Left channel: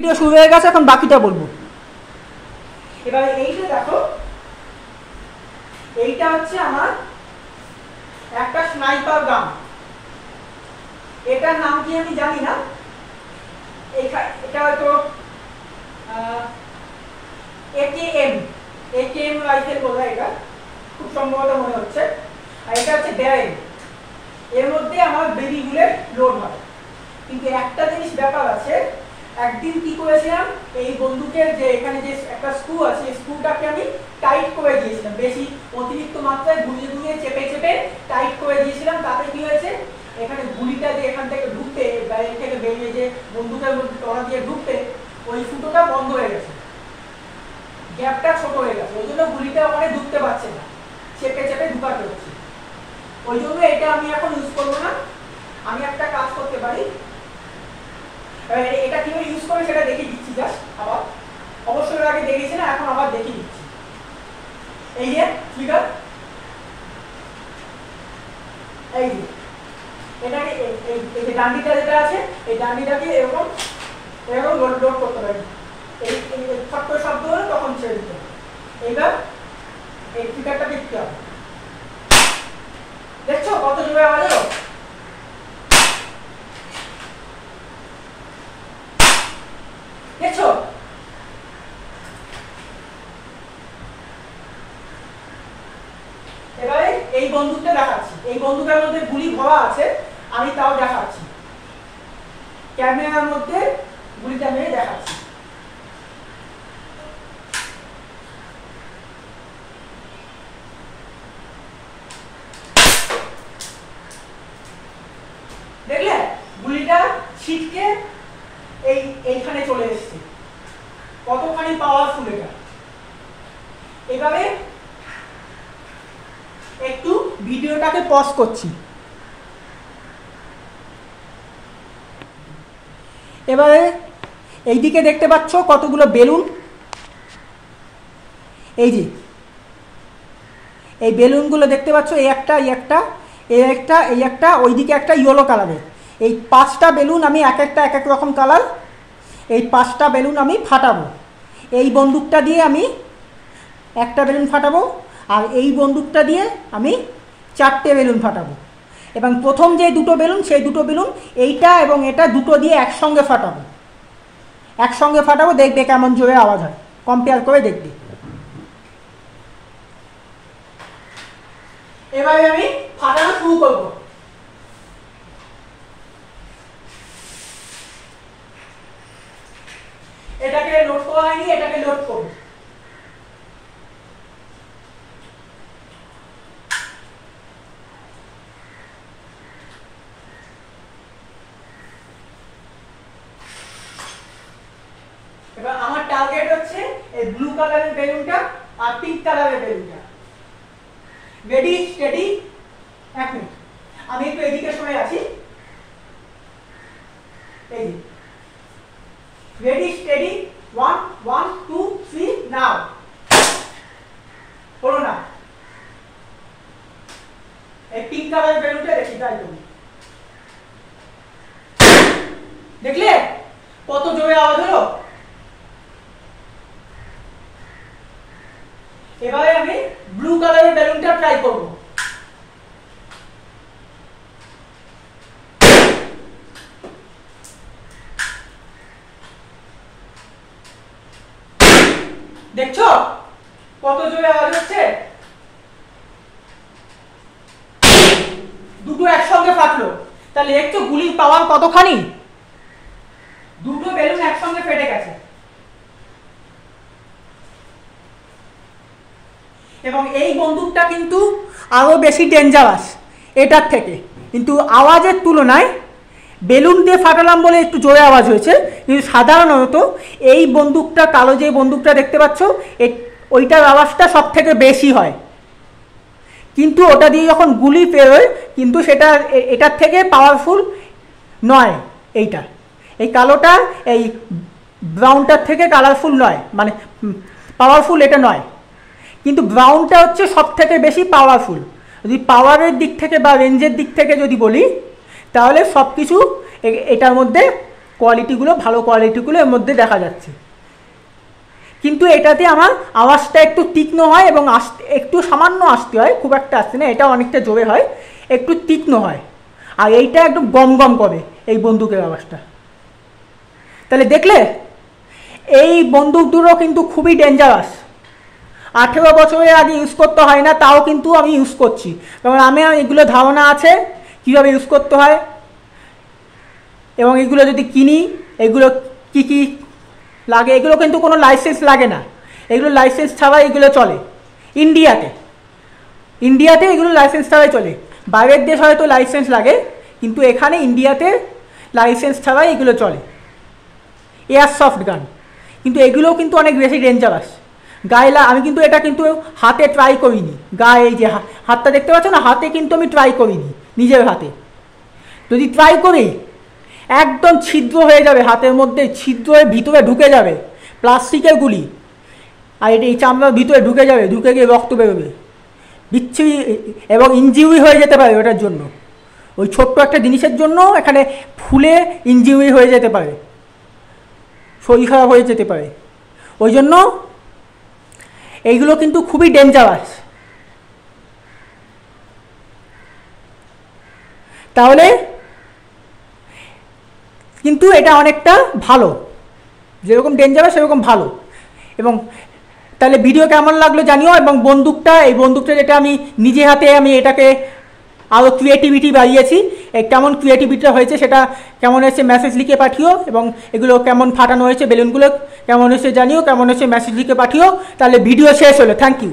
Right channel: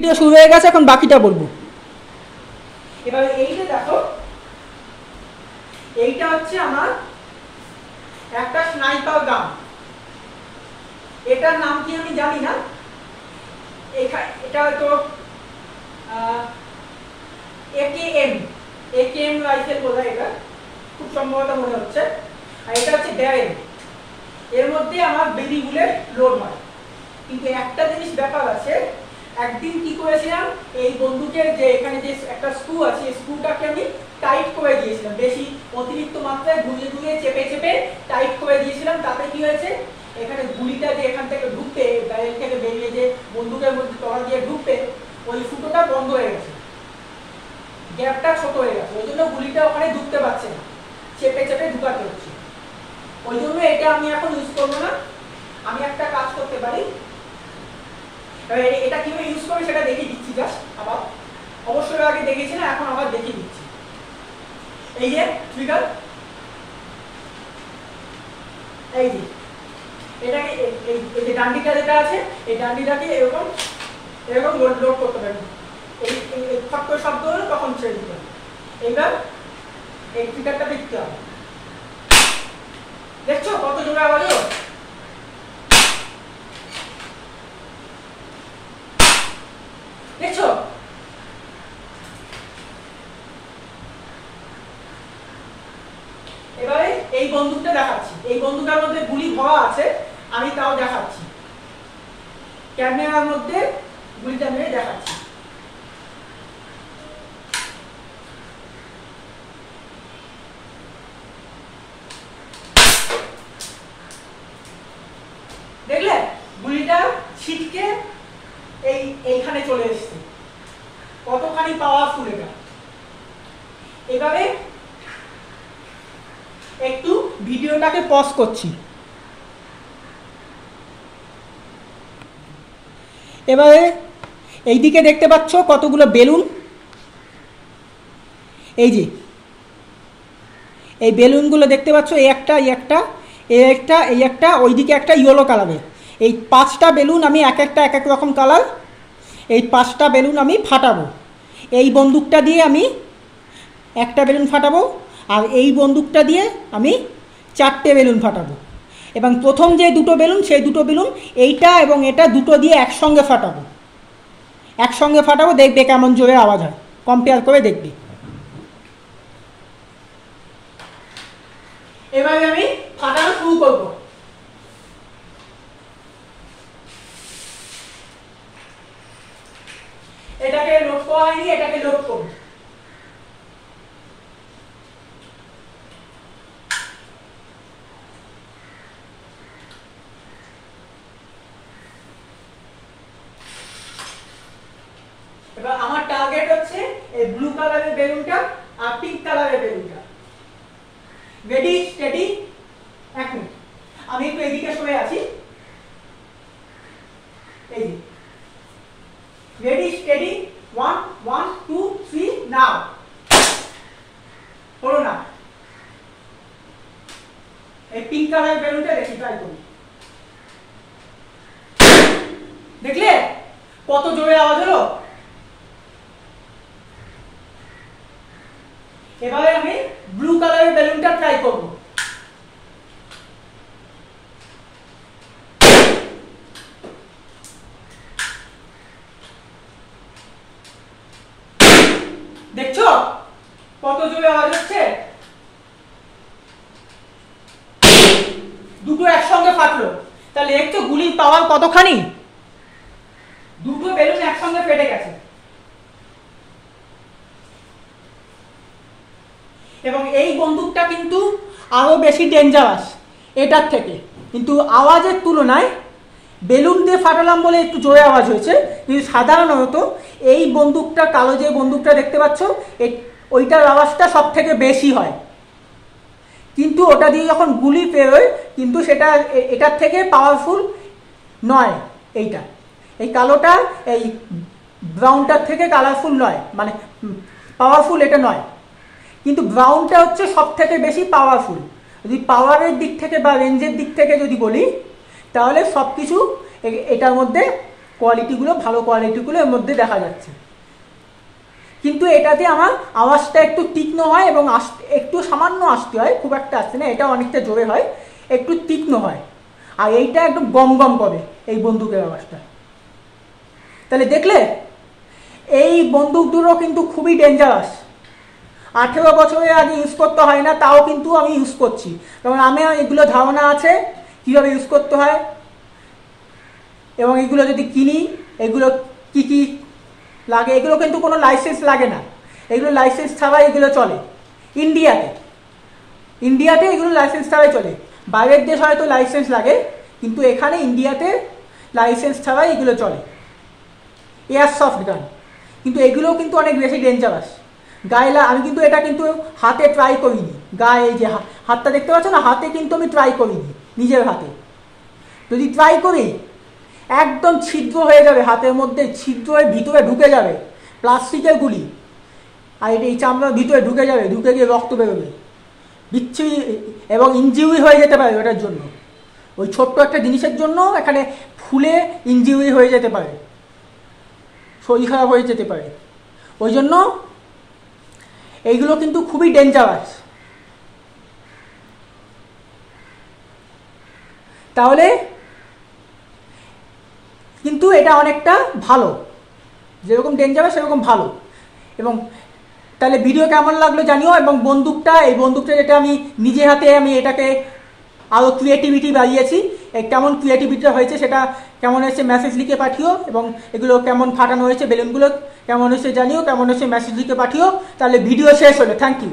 Video শুরু হয়ে গেছে, এখন বাকিটা বলবো। এবারে এই যে দেখো, এইটা হচ্ছে আমার একটা স্নাইপার গান। এটার নাম কি আমি জানি না, এটা হয়তো একেএম রাইফেল বোধহয়, এটা খুব সম্ভবত মনে হচ্ছে। আর এটা হচ্ছে ড্যারেন। এর মধ্যে আমার বেবি বুলেট লোড হয়। কিন্তু একটা জিনিস ব্যাপার আছে, একদিন কি করেছিলাম, এই বন্দুকের যে এখানে যে একটা স্ক্রু আছে, এই স্ক্রুটাকে আমি টাইট করে দিয়েছিলাম, বেশি অতিরিক্ত মাত্রায় ঘুরিয়ে ঘুরিয়ে চেপে চেপে টাইট করে দিয়েছিলাম। তাতে কি হয়েছে, এখানে গুলিটা যে এখান থেকে ঢুকতে, গাড়ি থেকে বেরিয়ে যে বন্দুকের মধ্যে টড়া দিয়ে ঢুকতে, ওই ফুটোটা বন্ধ হয়ে গেছে, গ্যাপটা ছোট হয়ে গেছে। ওই জন্য গুলিটা ওখানে ঢুকতে পারছে না, চেপে চেপে ঢুকাতে হচ্ছে। ওই জন্য এটা আমি এখন ইউজ করবো না। আমি একটা কাজ করতে পারি, এটা কিভাবে ইউজ করে সেটা দেখিয়ে দিচ্ছি। জাস্ট আবার, অবশ্যই আগে দেখেছি না, এখন আবার দেখিয়ে দিচ্ছি। এই যে ট্রিগার, এই যে এটাকে এই যে ডান্ডিটা যেটা আছে, এই ডান্ডিটাকে এরকম এরকম লোড করতে পারি। এই ফট করে শব্দ হলো তখন ছেড়ে দিতে হবে। এইবার এই ট্রিগারটা দেখতে হবে। দেখছো কত জোরে আওয়াজ হলো? দেখছো? এবারে এই বন্দুকটা দেখাচ্ছি। এই বন্দুকের মধ্যে গুলি ভরা আছে, আমি তাও দেখাচ্ছি, ক্যামেরার মধ্যে গুলিটা মেরে দেখাচ্ছি। দেখলে গুলিটা ছিটকে এইখানে চলে এসছে, কতখানি পাওয়ারফুল এটা। এভাবে একটু ভিডিওটাকে পজ করছি। এবারে এইদিকে দেখতে পাচ্ছ কতগুলো বেলুন। এই যে এই বেলুনগুলো দেখতে পাচ্ছ, এই একটা, এই একটা, এই একটা, এই একটা, ওইদিকে একটা ইয়েলো কালারের। এই 5টা বেলুন আমি এক একটা এক এক রকম কালার, এই 5টা বেলুন আমি ফাটাবো। এই বন্দুকটা দিয়ে আমি একটা বেলুন ফাটাবো, আর এই বন্দুকটা দিয়ে আমি 4টে বেলুন ফাটাবো। এবং প্রথম যে দুটো বেলুন, সেই দুটো বেলুন এইটা এবং এটা দুটো দিয়ে একসঙ্গে ফাটাবো। একসঙ্গে ফাটাবো, দেখবে কেমন জোরে আওয়াজ হয়, কম্পেয়ার করে দেখবে। এবারে আমি ফাটানো শুরু করবো। এটাকে লোড করা হয়নি, এটাকে লোড করব। এবার আমার টার্গেট হচ্ছে এই ব্লু কালারের বেলুনটা আর পিঙ্ক কালারের বেলুনটা। Ready, steady, 1 minute. আমি একটু এদিকে সরে আছি। এই রেডি, স্টেডি, 1 1 2 3 নাও। বলো না, এই পিঙ্ক কালারের বেলুনটা দেখি, ট্রাই করি। দেখলে কত জোরে আওয়াজ হলো? এবারে আমি ব্লু কালারের বেলুনটা ট্রাই করব। দেখছো কত জোরে আওয়াজ হচ্ছে? দুটো একসঙ্গে ফাটলো, তাহলে একটু গুলির পাওয়ার কতখানি? দুটো বেলুন একসঙ্গে ফেটে গেছে। এবং এই বন্দুকটা কিন্তু আরো বেশি ডেঞ্জারাস এটার থেকে, কিন্তু আওয়াজের তুলনায় বেলুন দিয়ে ফাটালাম বলে একটু জোরে আওয়াজ হয়েছে। কিন্তু সাধারণত এই বন্দুকটা, কালো যে বন্দুকটা দেখতে পাচ্ছ, ওইটার আওয়াজটা সব থেকে বেশি হয়। কিন্তু ওটা দিয়ে যখন গুলি পেরোয়, কিন্তু সেটা এটার থেকে পাওয়ারফুল নয়। এইটা, এই কালোটা এই ব্রাউনটার থেকে কালারফুল নয়, মানে পাওয়ারফুল এটা নয়। কিন্তু ব্রাউনটা হচ্ছে সব থেকে বেশি পাওয়ারফুল। যদি পাওয়ারের দিক থেকে বা রেঞ্জের দিক থেকে যদি বলি, তাহলে সব কিছু এটার মধ্যে কোয়ালিটিগুলো, ভালো কোয়ালিটিগুলো এর মধ্যে দেখা যাচ্ছে। কিন্তু এটাতে আমার আওয়াজটা একটু তীক্ষ্ণ হয় এবং একটু সামান্য আসতে হয়, খুব একটা আসছে না, এটা অনেকটা জোরে হয়, একটু তীক্ষ্ণ হয়। আর এইটা একটু গম গম করে এই বন্দুকের আওয়াজটা। তাহলে দেখলে এই বন্দুক দুটো কিন্তু খুবই ডেঞ্জারাস। 18 বছরের আগে ইউজ করতে হয় না, তাও কিন্তু আমি ইউজ করছি, কারণ আমি এগুলো ধারণা আছে কীভাবে ইউজ করতে হয়। এবং এগুলো যদি কিনি, এগুলো কি কি লাগে, এগুলো কিন্তু কোনো লাইসেন্স লাগে না, এগুলো লাইসেন্স ছাড়া এগুলো চলে। ইন্ডিয়াতে এগুলো লাইসেন্স ছাড়াই চলে। বাইরের দেশ হয়তো লাইসেন্স লাগে, কিন্তু এখানে ইন্ডিয়াতে লাইসেন্স ছাড়াই এগুলো চলে, এয়ারসফট গান। কিন্তু এগুলোও কিন্তু অনেক বেশি ডেঞ্জারাস। গায়ে আমি কিন্তু এটা কিন্তু হাতে ট্রাই করিনি, গায়ে এই যে হাতটা দেখতে পাচ্ছ না, হাতে কিন্তু আমি ট্রাই করিনি নিজের হাতে। যদি ট্রাই করি একদম ছিদ্র হয়ে যাবে, হাতের মধ্যে ছিদ্র হয়ে ভিতরে ঢুকে যাবে প্লাস্টিকের গুলি, আর এই চামড়ার ভিতরে ঢুকে যাবে, ঢুকে গিয়ে রক্ত বেরোবে, বিচ্ছিরি এবং ইনজিউরি হয়ে যেতে পারে ওটার জন্য। ওই ছোট্ট একটা জিনিসের জন্য এখানে ফুলে ইনজিউরি হয়ে যেতে পারে, শরীর খারাপ হয়ে যেতে পারে। ওই জন্য এইগুলো কিন্তু খুবই ডেঞ্জারাস। তাহলে কিন্তু এটা অনেকটা ভালো, যেরকম ডেঞ্জারাস সেরকম ভালো। এবং তাহলে ভিডিও কেমন লাগলো জানিও। এবং এই বন্দুকটা যেটা আমি নিজে হাতে আমি এটাকে আরও ক্রিয়েটিভিটি বাড়িয়েছি, কেমন ক্রিয়েটিভিটিটা হয়েছে, সেটা কেমন হয়েছে মেসেজ লিখে পাঠিও। এবং এগুলো কেমন ফাটানো হয়েছে, বেলুনগুলো কেমন হয়েছে জানিও, কেমন হয়েছে মেসেজ লিখে পাঠিও। তাহলে ভিডিও শেষ হলো, থ্যাংক ইউ।